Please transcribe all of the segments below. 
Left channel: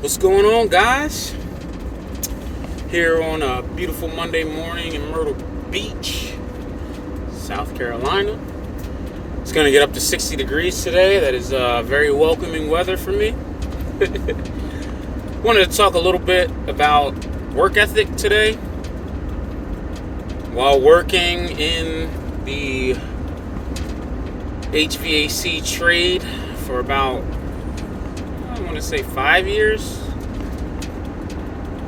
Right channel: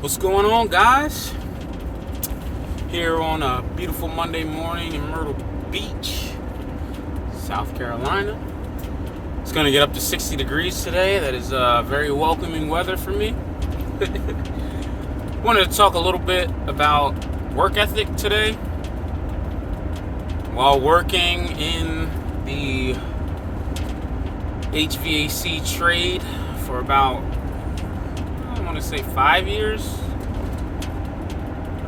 What's going on, guys? Here on a beautiful Monday morning in Myrtle Beach, South Carolina. It's going to get up to 60 degrees today. That is very welcoming weather for me. Wanted to talk a little bit about work ethic today. While working in the HVAC trade for about, I want to say 5 years.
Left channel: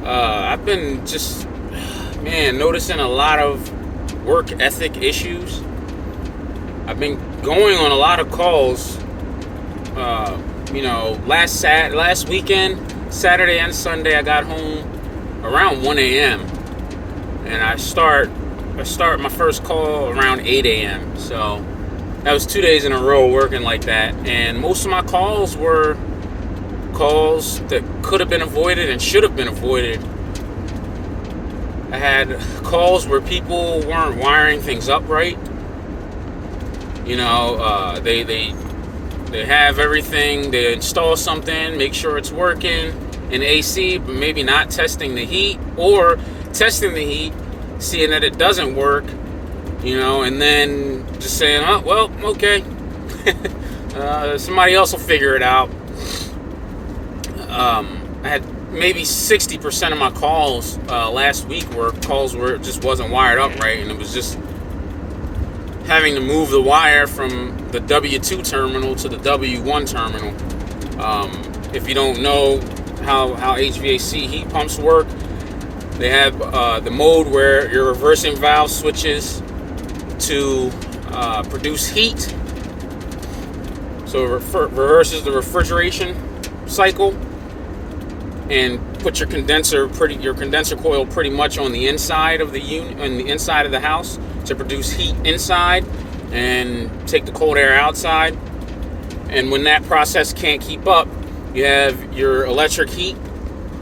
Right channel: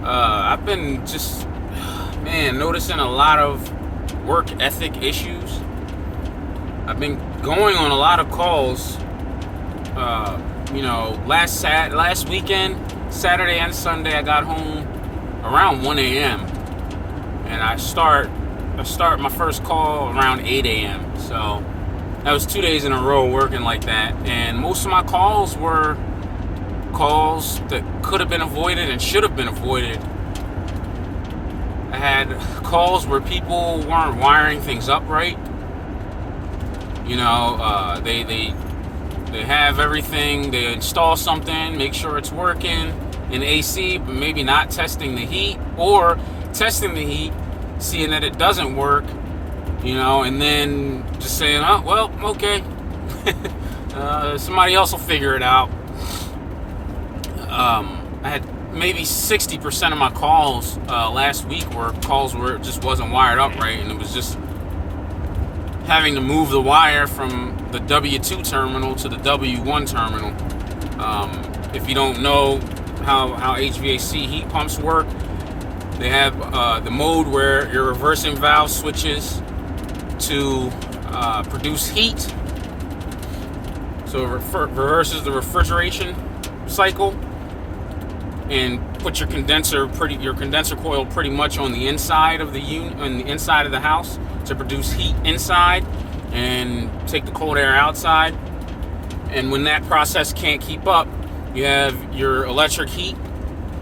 I've been just, noticing a lot of work ethic issues. I've been going on a lot of calls, last weekend, Saturday and Sunday, I got home around 1 a.m. and I start my first call around 8 a.m. So that was 2 days in a row working like that. And most of my calls were calls that could have been avoided and should have been avoided. I had calls where people weren't wiring things up right. They have everything, they install something, make sure it's working in AC, but maybe not testing the heat, or testing the heat, seeing that it doesn't work, and then just saying, oh, well, okay. Somebody else will figure it out. I had maybe 60% of my calls last week were calls where it just wasn't wired up right, and it was just having to move the wire from the W2 terminal to the W1 terminal. If you don't know how HVAC heat pumps work, they have the mode where your reversing valve switches to produce heat. So it reverses the refrigeration cycle and put your condenser coil pretty much on the inside of the unit, on the inside of the house, to produce heat inside and take the cold air outside. And when that process can't keep up, you have your electric heat,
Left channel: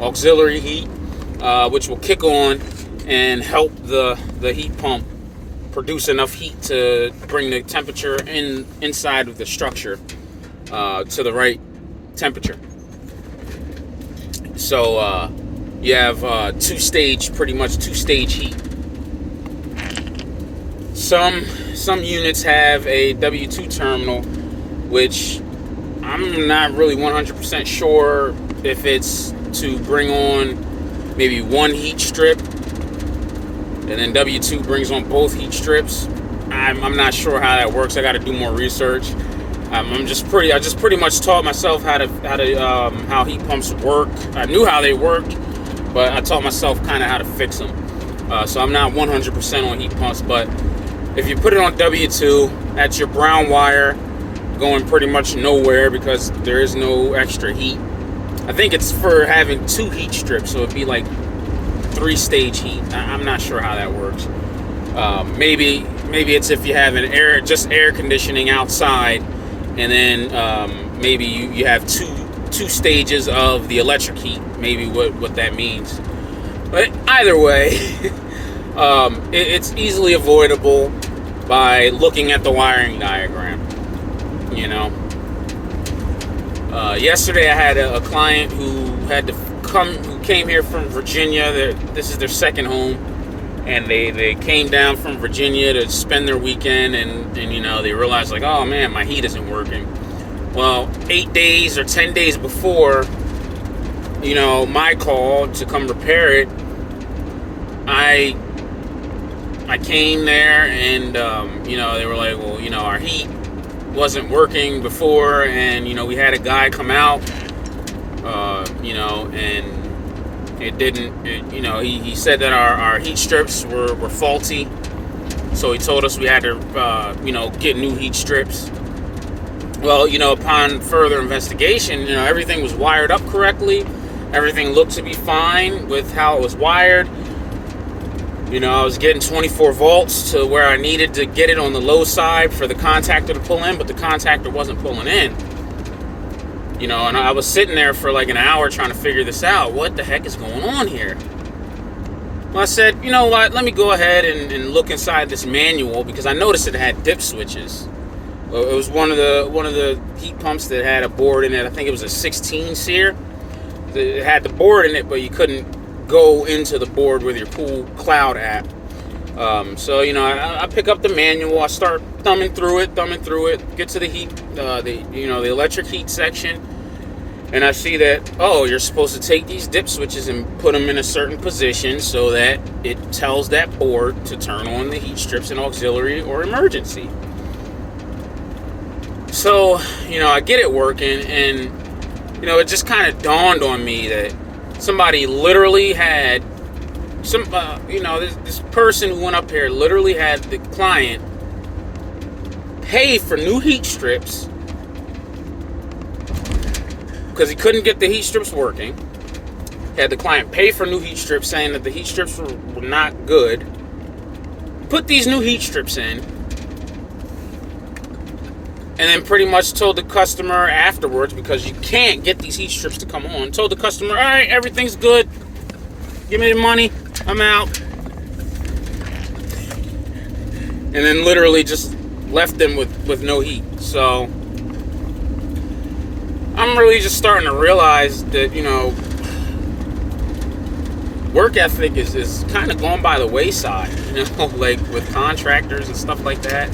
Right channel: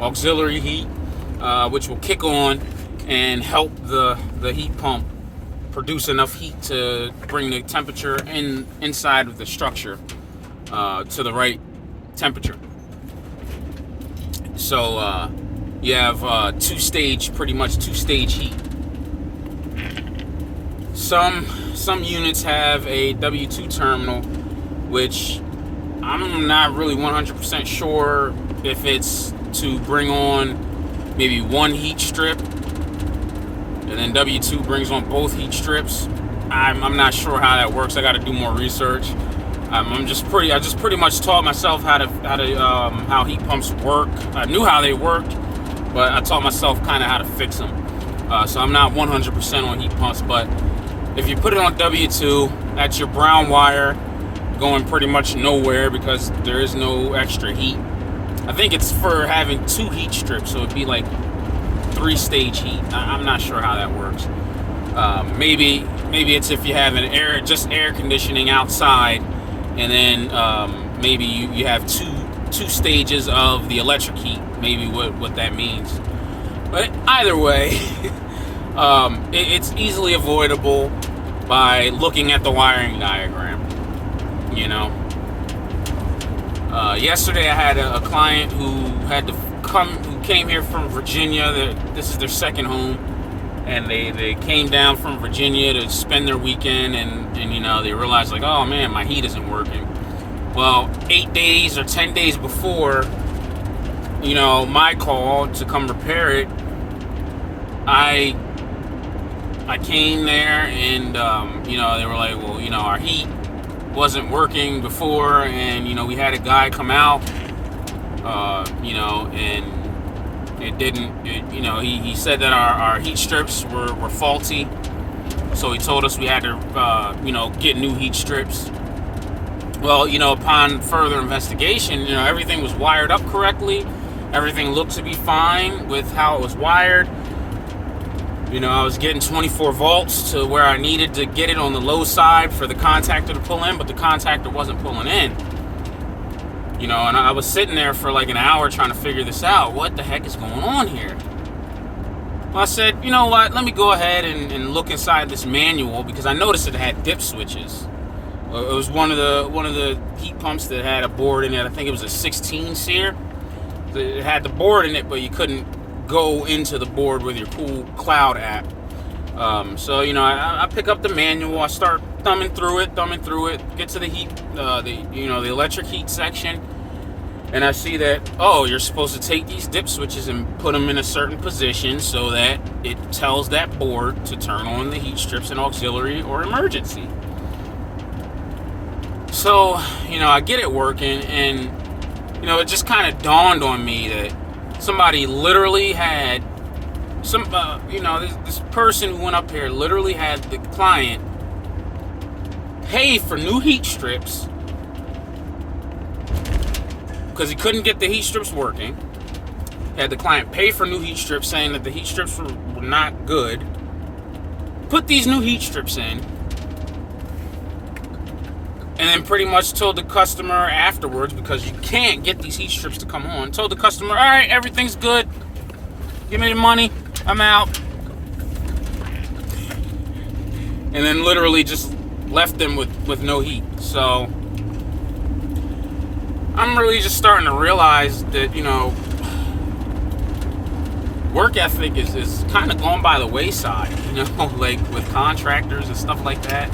auxiliary heat, which will kick on and help the heat pump produce enough heat to bring the temperature inside of the structure to the right temperature. So you have two-stage heat. Some units have a W2 terminal, which I'm not really 100% sure if it's to bring on maybe one heat strip, and then W2 brings on both heat strips. I'm not sure how that works. I got to do more research. I just pretty much taught myself how heat pumps work. I knew how they worked, but I taught myself kind of how to fix them. So I'm not 100% on heat pumps, but if you put it on W2, that's your brown wire going pretty much nowhere because there is no extra heat. I think it's for having two heat strips, so it'd be like 3-stage heat. I'm not sure how that works. Maybe it's if you have air conditioning outside, and then maybe you have two stages of the electric heat. Maybe what that means. But either way, it's easily avoidable by looking at the wiring diagram. Yesterday I had a client who came here from Virginia. This is their second home, and they came down from Virginia to spend their weekend, and they realized, like, oh man, my heat isn't working. Well, 8 days or 10 days before my call to come repair it, I came there, and they were like, well, our heat wasn't working before, and we had a guy come out, and it didn't. He said that our heat strips were faulty, so he told us we had to get new heat strips. Well, upon further investigation, everything was wired up correctly. Everything looked to be fine with how it was wired. I was getting 24 volts to where I needed to get it on the low side for the contactor to pull in, but the contactor wasn't pulling in. And I was sitting there for like an hour trying to figure this out. What the heck is going on here? Well, I said, you know what? Let me go ahead and look inside this manual, because I noticed it had dip switches. It was one of the heat pumps that had a board in it. I think it was a 16 SEER. it had the board in it, but you couldn't go into the board with your Cool Cloud app. So I pick up the manual. I start thumbing through it. Get to the heat, the electric heat section, and I see that you're supposed to take these dip switches and put them in a certain position so that it tells that board to turn on the heat strips in auxiliary or emergency. So I get it working, and it just kind of dawned on me that somebody literally had this person who went up here literally had the client pay for new heat strips because he couldn't get the heat strips working. Had the client pay for new heat strips, saying that the heat strips were not good. Put these new heat strips in, and then pretty much told the customer afterwards, because you can't get these heat strips to come on, told the customer, all right, everything's good. Give me the money. I'm out. And then literally just left them with no heat. So I'm really just starting to realize that, work ethic is kind of going by the wayside, like with contractors and stuff like that.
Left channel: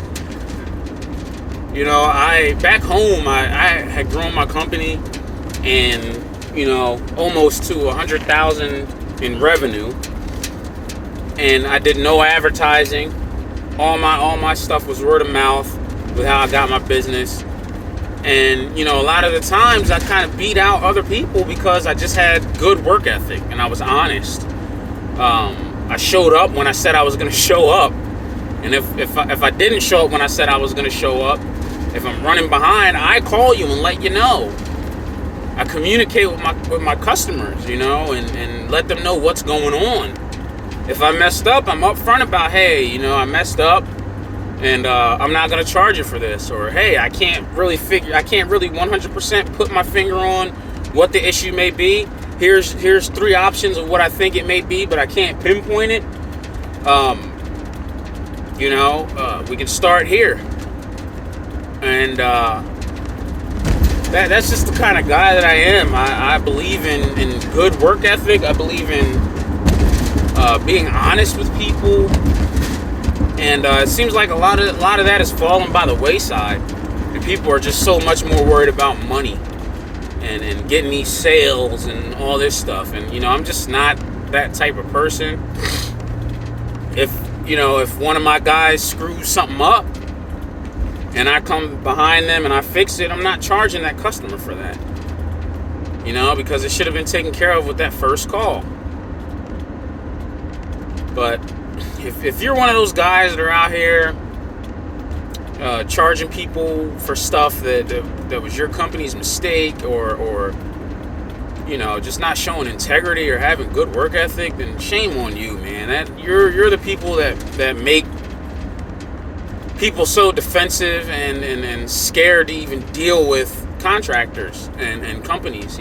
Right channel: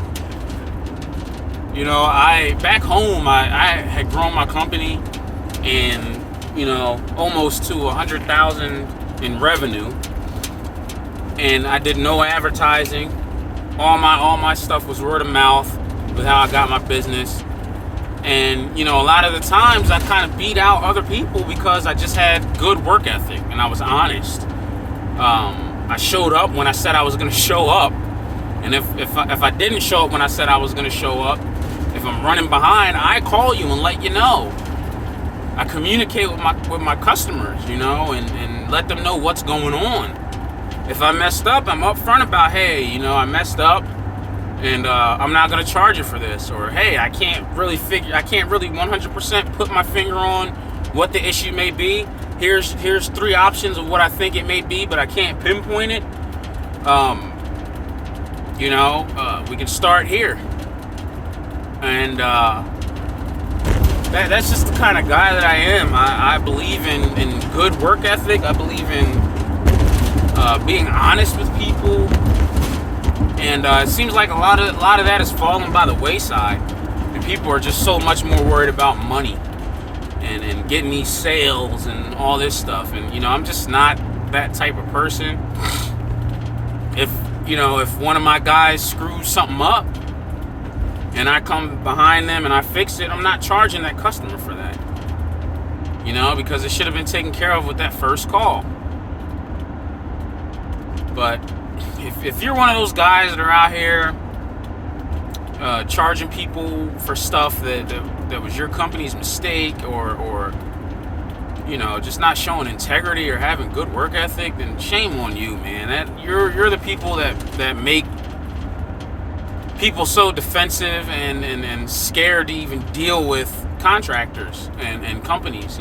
Back home, I had grown my company and, almost to 100,000 in revenue. And I did no advertising. All my stuff was word of mouth with how I got my business. And, a lot of the times I kind of beat out other people because I just had good work ethic and I was honest. I showed up when I said I was going to show up. And if I didn't show up when I said I was going to show up, if I'm running behind, I call you and let you know. I communicate with my customers, and let them know what's going on. If I messed up, I'm upfront about, hey, I messed up, and I'm not going to charge you for this. Or, hey, I can't really 100% put my finger on what the issue may be. Here's 3 options of what I think it may be, but I can't pinpoint it. We can start here. And that's just the kind of guy that I am. I believe in good work ethic. I believe in being honest with people. And it seems like a lot of that has fallen by the wayside. And people are just so much more worried about money and getting these sales and all this stuff. And, I'm just not that type of person. If one of my guys screws something up, and I come behind them and I fix it, I'm not charging that customer for that. Because it should have been taken care of with that first call. But if you're one of those guys that are out here charging people for stuff that was your company's mistake, or just not showing integrity or having good work ethic, then shame on you, man. That you're the people that make people so defensive and scared to even deal with contractors and companies.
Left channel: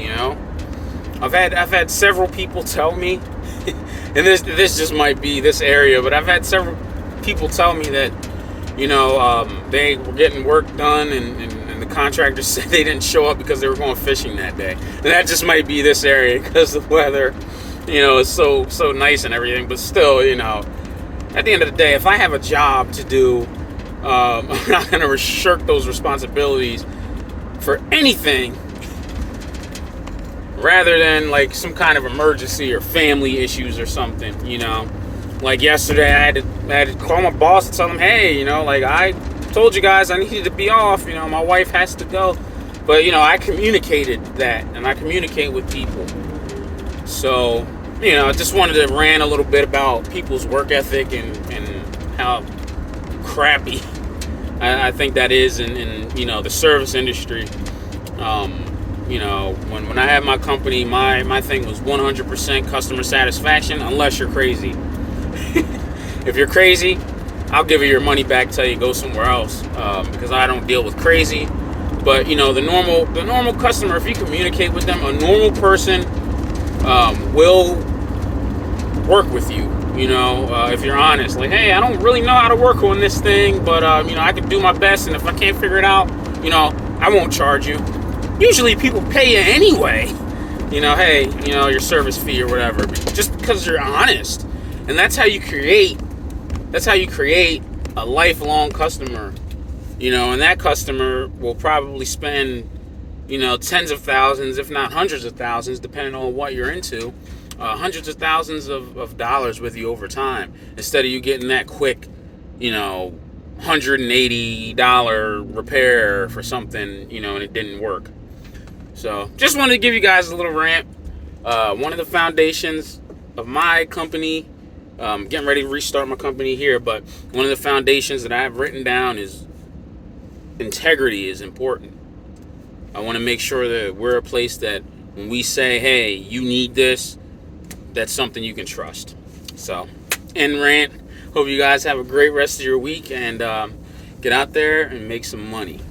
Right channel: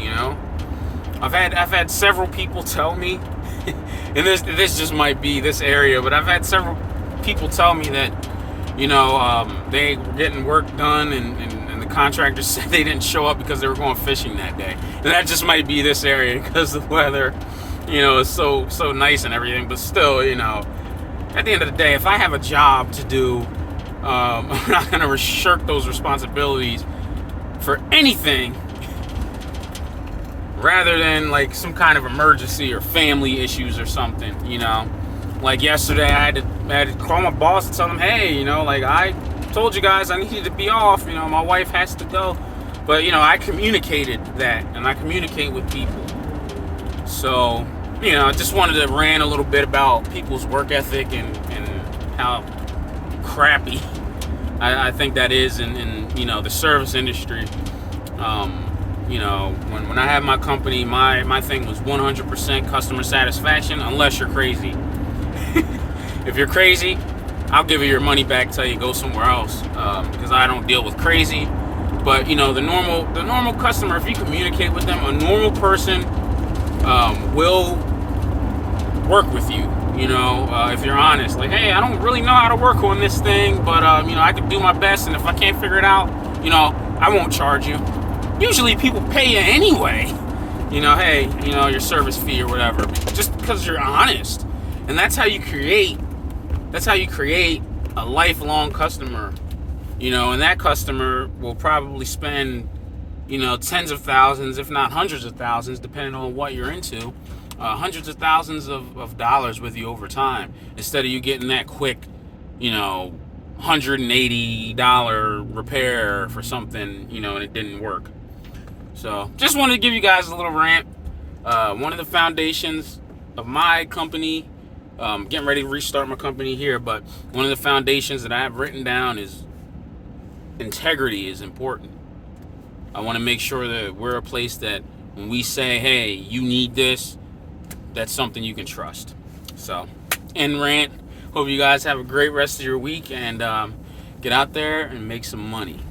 I've had several people tell me, and this just might be this area, but I've had several people tell me that they were getting work done and the contractors said they didn't show up because they were going fishing that day. And that just might be this area because the weather is so nice and everything. But still, at the end of the day, if I have a job to do, I'm not going to shirk those responsibilities for anything rather than like some kind of emergency or family issues or something. Like yesterday, I had to call my boss and tell him, hey, I told you guys I needed to be off. My wife has to go. But, I communicated that, and I communicate with people. So, I just wanted to rant a little bit about people's work ethic and how crappy I think that is in the service industry. When I had my company, my thing was 100% customer satisfaction, unless you're crazy. If you're crazy, I'll give you your money back, tell you go somewhere else, because I don't deal with crazy. But the normal customer, if you communicate with them, a normal person will work with you. If you're honest, like, hey, I don't really know how to work on this thing, but I can do my best, and if I can't figure it out, I won't charge you. Usually people pay you anyway. hey, your service fee or whatever, just because you're honest. And that's how you create a lifelong customer, and that customer will probably spend, tens of thousands, if not hundreds of thousands, depending on what you're into, hundreds of thousands of dollars with you over time, instead of you getting that quick, $180 repair for something, and it didn't work. So just wanted to give you guys a little rant. One of the foundations of my company, getting ready to restart my company here, but one of the foundations that I have written down is integrity is important. I want to make sure that we're a place that when we say, hey, you need this, that's something you can trust. So, end rant. Hope you guys have a great rest of your week, and get out there and make some money.